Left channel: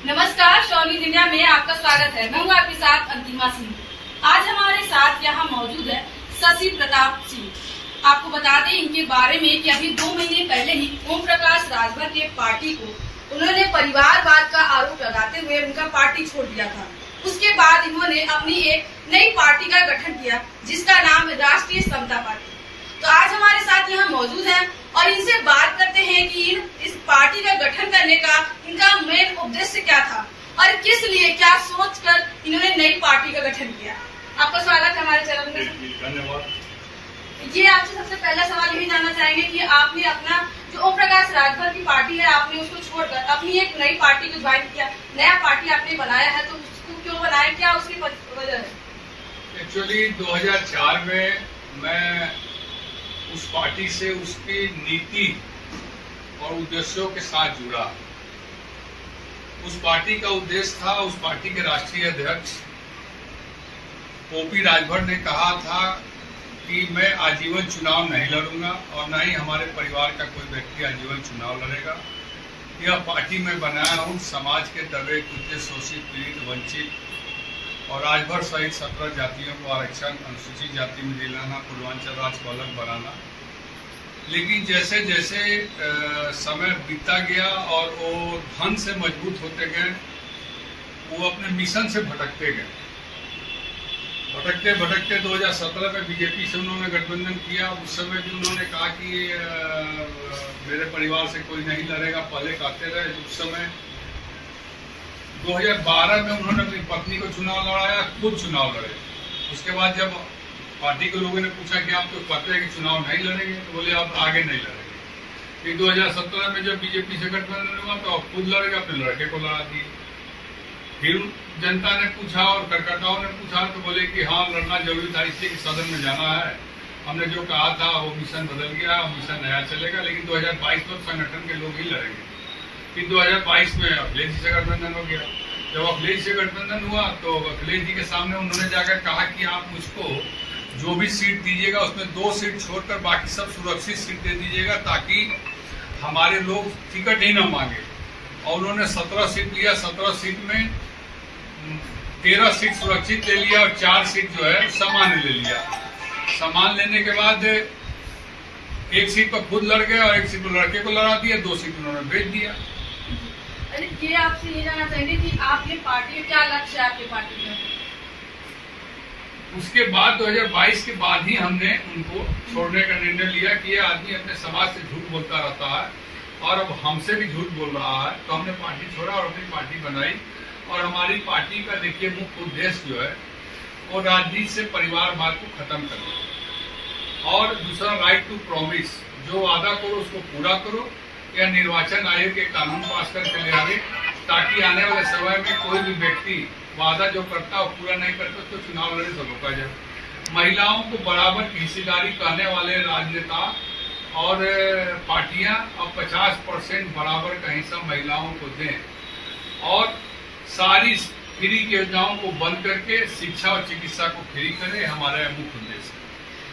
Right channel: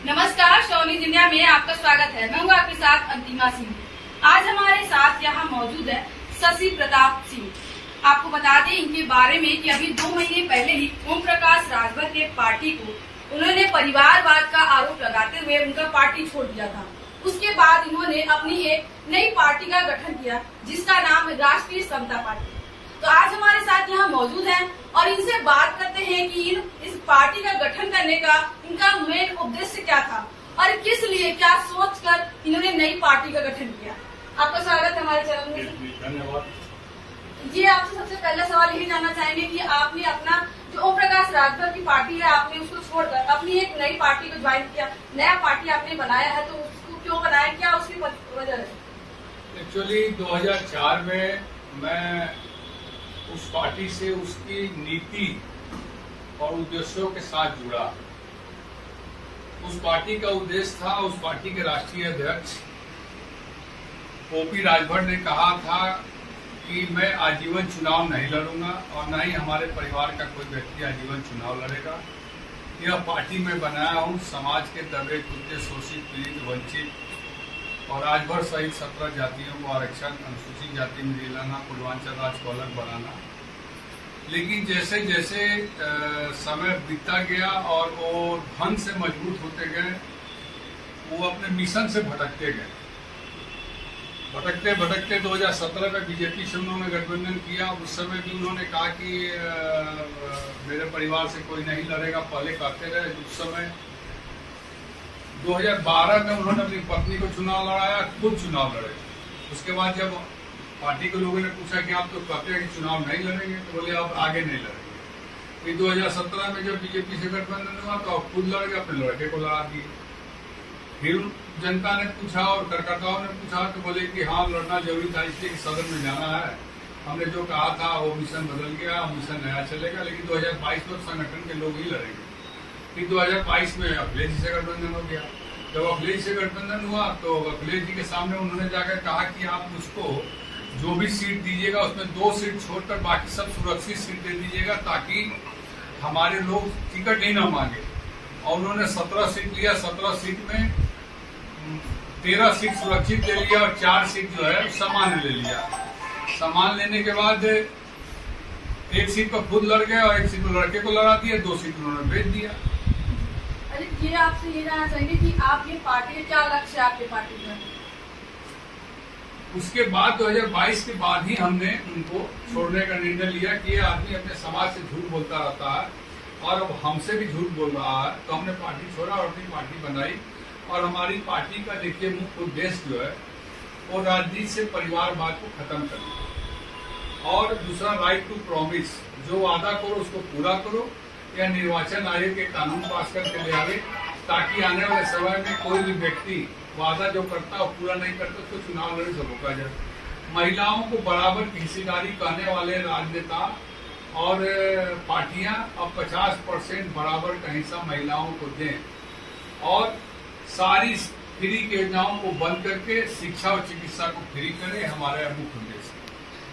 नमस्कार, शौनी दुनिया में आपका स्वागत है। मैं हूँ आपके साथ अंतिमा सिंह। आज हमारे साथ यहाँ मौजूद है शशि प्रताप सिंह। आपको बता दें इनके बारे में कि अभी 2 महीने पहले ही ओम प्रकाश राजभर के पार्टी को उन्होंने परिवारवाद का आरोप लगाते हुए उनका पार्टी छोड़ दिया था। उसके बाद इन्होंने अपनी एक नई पार्टी का गठन किया जिसका नाम राष्ट्रीय समता पार्टी। तो आज हमारे साथ यहाँ मौजूद हैं और इनसे बात करते हैं कि इस पार्टी का गठन करने का इनका मेन उद्देश्य क्या था और किस लिए, क्या सोचकर इन्होंने नई पार्टी का गठन किया। आपका स्वागत है हमारे चैनल में। धन्यवाद। ये आपसे सबसे पहला सवाल यही जानना चाहेंगे कि आपने अपना जो ओम प्रकाश राजभर की पार्टी है, आपने उसको छोड़कर अपनी एक नई पार्टी को ज्वाइन किया, नया पार्टी आपने बनाया है, तो उसको क्यों बनाया, क्या उसकी वजह है? एक्चुअली 2004 में मैं उस पार्टी से उसकी नीति और उद्देश्यों के साथ जुड़ा। उस पार्टी का उद्देश्य था, उस पार्टी के राष्ट्रीय अध्यक्ष ओपी राजभर ने कहा था कि मैं आजीवन चुनाव नहीं लड़ूंगा और न ही हमारे परिवार का कोई व्यक्ति आजीवन चुनाव लड़ेगा। यह पार्टी मैं बनाया हूँ समाज के दबे कुचले, शोषित, पीड़ित, वंचित और राजभर सहित 17 जातियों को आरक्षण, अनुसूचित जाति में दिलाना, पूर्वांचल राज्य को अलग बनाना। लेकिन जैसे जैसे समय बीतता गया और वो धन से मजबूत होते गए, वो अपने मिशन से भटकते गए। भटकते भटकते 2017 में बीजेपी से उन्होंने गठबंधन किया। उस समय भी उन्होंने कहा कि मेरे परिवार से कोई नहीं लड़ेगा, पहले कहते रहे। उस समय 2012 में उन्होंने अपनी पत्नी को चुनाव लड़ाया, खुद चुनाव लड़े। उसके बाद जब पार्टी के लोगों ने पूछा कि आप तो कहते हैं कि चुनाव नहीं लड़ेंगे, तो बोले अब आगे नहीं लड़ेंगे। फिर 2017 में जब बीजेपी से गठबंधन हुआ तो अब खुद लड़ेगा, अपने लड़के को लड़ा दिए। फिर जनता ने पूछा और कार्यकर्ताओं ने पूछा तो बोले कि हाँ लड़ना जरूरी था, इसलिए कि सदन में जाना है। हमने जो कहा था वो मिशन बदल गया, मिशन नया चलेगा, लेकिन 2022 में संगठन के लोग ही लड़ेंगे। फिर 2022 में अखिलेश जी से गठबंधन हो गया। जब अखिलेश से गठबंधन हुआ तो अखिलेश जी के सामने उन्होंने जाकर कहा कि आप मुझको जो भी सीट दीजिएगा उसमें 2 सीट छोड़कर बाकी सब सुरक्षित सीट दे दीजिएगा ताकि हमारे लोग टिकट ही ना मांगे। और उन्होंने 17 सीट लिया। 17 सीट में 13 सीट सुरक्षित ले लिया और 4 सीट जो है सामान्य ले लिया। सामान्य लेने के बाद 1 सीट पर खुद लड़ गए और 1 सीट पर लड़के को लड़ा दिया, 2 सीट उन्होंने बेच दिया। ये आपसे ये जानना चाहेंगे कि आपकी पार्टी का क्या लक्ष्य है, आपकी पार्टी का? उसके बाद 2022 के बाद ही हमने उनको छोड़ने का निर्णय लिया कि ये आदमी अपने समाज से झूठ बोलता रहता है और अब हमसे भी झूठ बोल रहा है। तो हमने पार्टी छोड़ा और अपनी पार्टी बनाई। और हमारी पार्टी का देखिए मुख्य उद्देश्य जो है वो राजनीति से परिवारवाद को खत्म करना और दूसरा राइट टू प्रॉमिस, जो वादा करो उसको पूरा करो, या निर्वाचन आयोग के कानून पास करके ले आवे ताकि आने वाले समय में कोई भी व्यक्ति वादा जो करता है पूरा नहीं करता तो चुनाव लड़ने से रोका जाए। महिलाओं को बराबर की हिस्सेदारी कहने वाले राजनेता और पार्टियां अब 50% बराबर का हिस्सा महिलाओं को दें और सारी फ्री की योजनाओं को बंद करके शिक्षा और चिकित्सा को फ्री करें, हमारा मुख्य उद्देश्य है।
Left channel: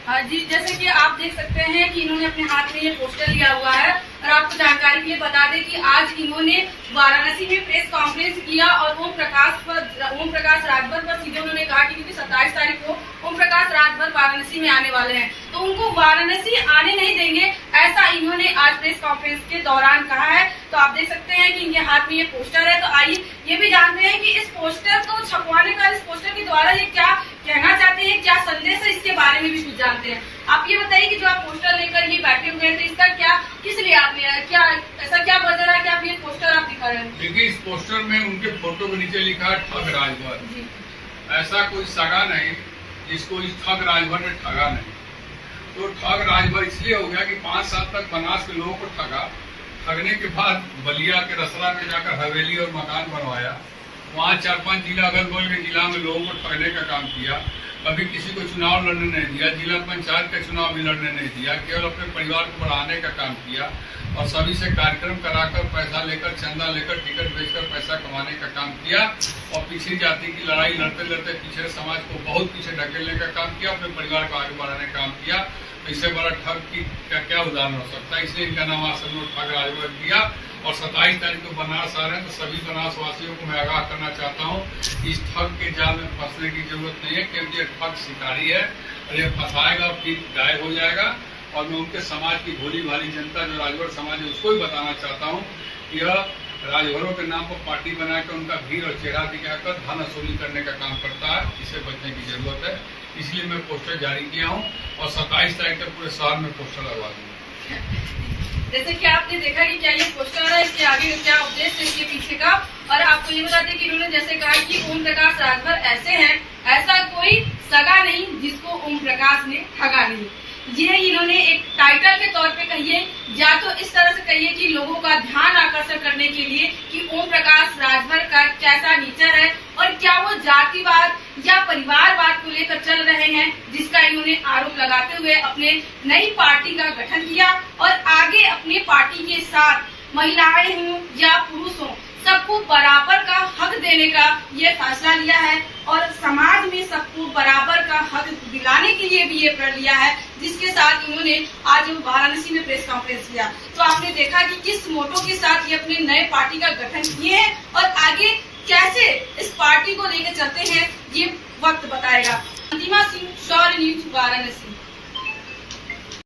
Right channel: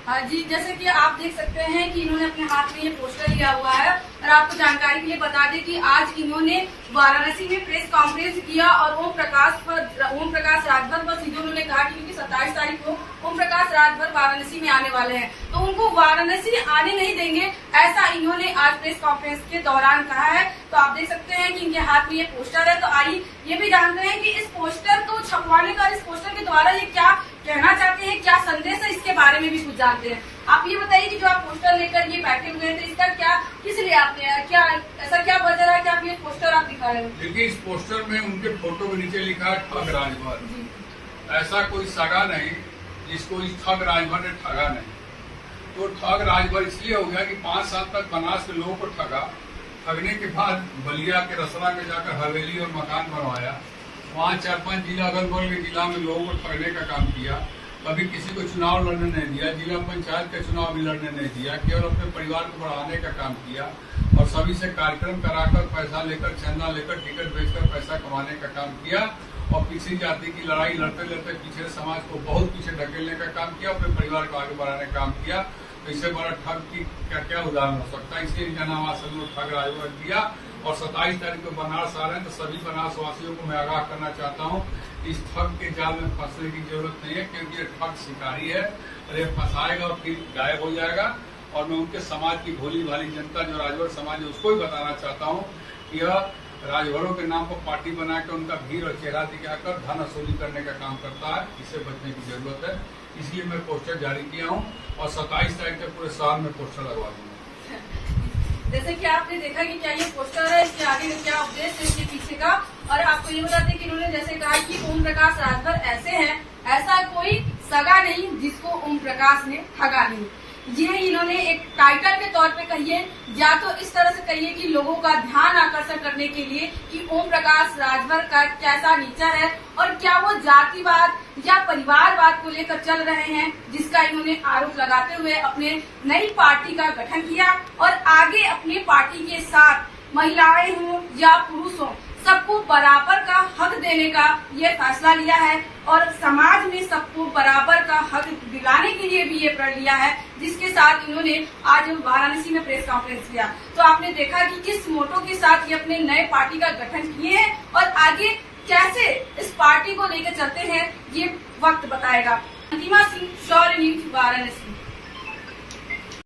हाँ जी, जैसे कि आप देख सकते हैं कि इन्होंने अपने हाथ में ये पोस्टर लिया हुआ है और आपको जानकारी के लिए बता दें कि आज इन्होंने वाराणसी में प्रेस कॉन्फ्रेंस किया और ओम प्रकाश राजभर पर सीधे उन्होंने कहा कि क्योंकि 27 तारीख को ओम प्रकाश राजभर वाराणसी में आने वाले हैं तो उनको वाराणसी आने नहीं देंगे, ऐसा इन्होंने आज प्रेस कॉन्फ्रेंस के दौरान कहा है। तो आप देख सकते हैं कि इनके हाथ में ये पोस्टर है। तो आइए ये भी जानते हैं कि इस पोस्टर को छपवाने का, इस पोस्टर के द्वारा ये क्या कहना चाहते हैं, क्या संदेश है, इसके बारे में भी कुछ जानते हैं। आप ये बताइए कि जो आप पोस्टर लेकर ये बैठे हुए थे, इसका क्या, किस लिए आपने, क्या ऐसा क्या वजह है कि आप ये पोस्टर आप दिखा रहे हैं? देखिए, इस पोस्टर में उनके फोटो के नीचे लिखा है ठग राजभर। ऐसा कोई सगा नहीं जिसको इस ठग राजभर ने ठगा नहीं। तो ठग राजभर इसलिए हो गया कि 5 साल तक बनास के लोगों को ठगा, ठगने के बाद बलिया के रसला में जाकर हवेली और मकान बनवाया, वहाँ 4-5 जिला अगल बगल के जिला में लोगों को ठगने का काम किया। कभी किसी को चुनाव लड़ने नहीं दिया, जिला पंचायत का चुनाव भी लड़ने नहीं दिया, केवल अपने परिवार को बढ़ाने का काम किया और सभी से कार्यक्रम कराकर पैसा लेकर, चंदा लेकर, टिकट बेचकर पैसा कमाने का काम किया और पिछड़ी जाति की लड़ाई लड़ते लड़ते पिछड़े समाज को बहुत पीछे ढकेलने का काम किया, अपने परिवार को आगे बढ़ाने का काम किया। तो इससे बड़ा ठग की क्या उदाहरण हो सकता है। इसलिए इनका नाम असल में ठग राजभर दिया। और 27 तारीख को बनारस आ रहे हैं, तो सभी बनारस वासियों को मैं आगाह करना चाहता हूँ, इस ठग के जाल में फंसने की जरूरत नहीं है, क्योंकि ये ठग शिकारी है और ये फंसाएगा फिर गायब हो जाएगा। और मैं उनके समाज की भोली भाली जनता जो राजभर समाज है उसको भी बताना चाहता हूँ कि यह राजभरों के नाम पर पार्टी बनाकर उनका भीड़ और चेहरा दिखाकर धन वसूली करने का काम करता है। इससे बचने की जरूरत है। इसलिए मैं पोस्टर जारी किया हूँ और 27 तारीख तक पूरे शहर में पोस्टर लगवा दूंगा। जैसे कि आपने देखा कि क्या ये पोस्टर है, इसके आगे क्या उद्देश्य है इसके पीछे का। और आपको ये बता दें कि इन्होंने जैसे कहा कि ओम प्रकाश राजभर ऐसे हैं, ऐसा कोई सगा नहीं जिसको ओम प्रकाश ने ठगा नहीं। ये इन्होंने एक टाइटल के तौर पे कहिए, या तो इस तरह से कहिए कि लोगों का ध्यान आकर्षण करने के लिए कि ओम प्रकाश राजभर का कैसा नेचर है और क्या वो जातिवाद या परिवारवाद को लेकर चल रहे हैं, जिसका इन्होंने आरोप लगाते हुए अपने नई पार्टी का गठन किया और आगे अपने पार्टी के साथ महिलाएं हों या पुरुष हों सबको बराबर का हक देने का ये फैसला लिया है और समाज में सबको बराबर का हक दिलाने के लिए भी ये प्रण लिया है, जिसके साथ इन्होंने आज वाराणसी में प्रेस कॉन्फ्रेंस किया। तो आपने देखा कि किस मोटो के साथ ये अपने नए पार्टी का गठन किए हैं और आगे कैसे इस पार्टी को लेकर चलते हैं ये वक्त बताएगा। अंतिमा सिंह, शौर्य न्यूज, वाराणसी।